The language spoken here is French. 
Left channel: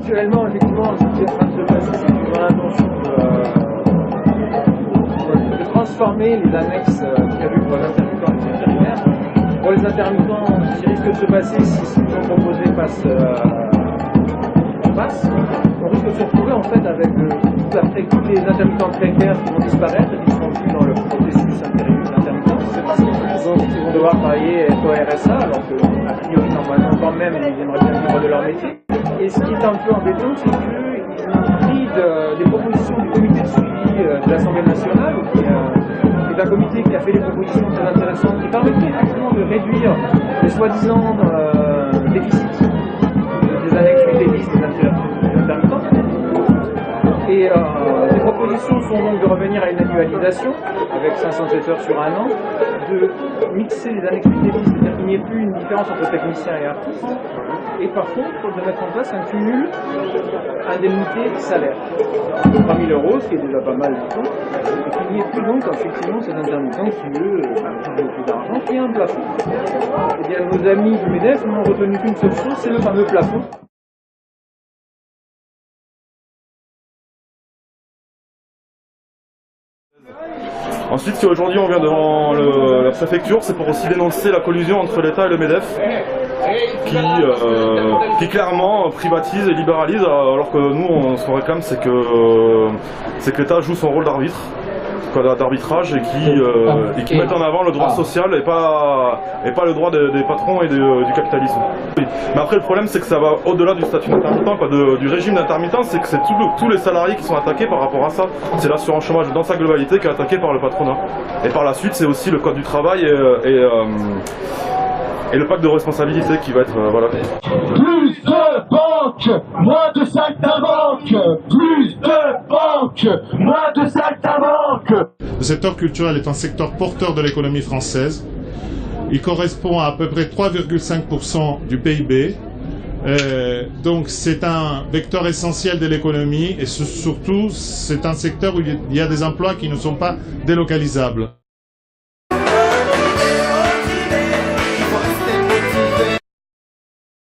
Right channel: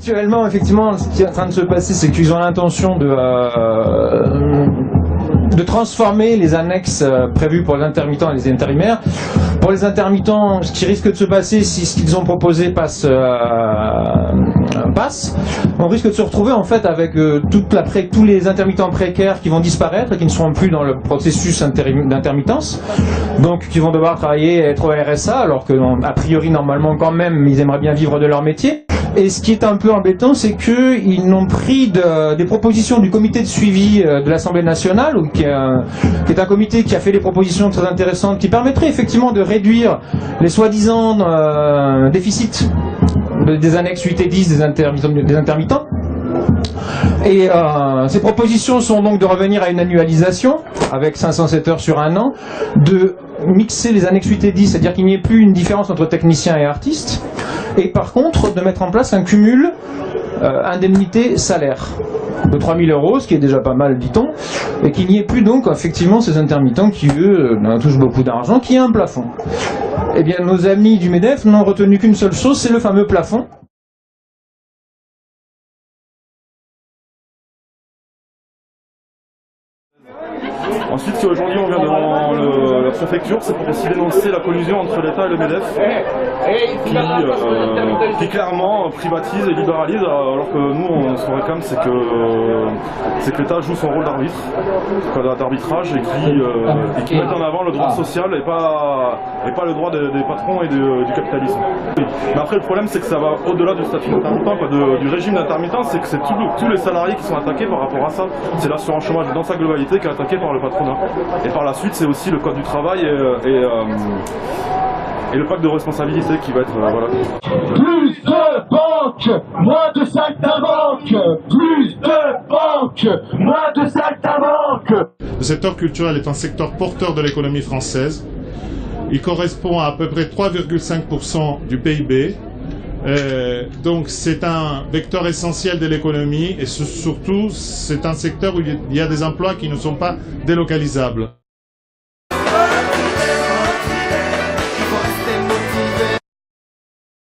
Actuellement, effectivement, ce qui est en train de se passer, c'est qu'ils ont l'intention de transformer les annexes prévues pour les intermittents et les intérimaires. Pour les intermittents, ce qui risque de se passer si ce qu'ils ont proposé passe, on risque de se retrouver en fait avec tous les intermittents précaires qui vont disparaître et qui ne seront plus dans le processus d'intermittence, donc qui vont devoir travailler et être au RSA, alors qu'a priori normalement quand même ils aimeraient bien vivre de leur métier. Et ce qui est un peu embêtant, c'est qu'ils n'ont pris des propositions du comité de suivi de l'Assemblée nationale, qui est un comité qui a fait des propositions très intéressantes qui permettraient effectivement de réduire les soi-disant déficits des annexes 8 et 10 des intermittents. Et ces propositions sont donc de revenir à une annualisation avec 507 heures sur un an, de mixer les annexes 8 et 10, c'est-à-dire qu'il n'y ait plus une différence entre techniciens et artistes, et par contre de mettre en place un cumul indemnité-salaire de 3 000 €, ce qui est déjà pas mal, dit-on, et qu'il n'y ait plus donc effectivement ces intermittents qui, eux, touchent beaucoup d'argent, qui a un plafond. Eh bien, nos amis du MEDEF n'ont retenu qu'une seule chose, c'est le fameux plafond. Ensuite, si aujourd'hui on vient devant la préfecture, c'est pour aussi dénoncer la collusion entre l'État et le MEDEF, qui clairement privatise et libéralise, alors que nous, ce qu'on réclame, c'est que l'État joue son rôle d'arbitrage et qui mette en avant le droit social et pas le droit des patrons et du capitalisme. Mais après, le problème, c'est que ça va au-delà du statut d'intermittent, du régime d'intermittent, c'est que c'est tous les salariés qui sont attaqués par rapport à ça. C'est l'assurance chômage dans sa globalité qui est attaquée par le patronat. Et par la suite, c'est aussi le code du travail et le pacte de responsabilité qui va être... voilà. Plus de banques, moins de saltimbanques. Plus de banques, moins de saltimbanques. Le secteur culturel est un secteur porteur de l'économie française. Il correspond à peu près 3,5% du PIB. Donc c'est un vecteur essentiel de l'économie et surtout c'est un secteur où il y a des emplois qui ne sont pas délocalisables.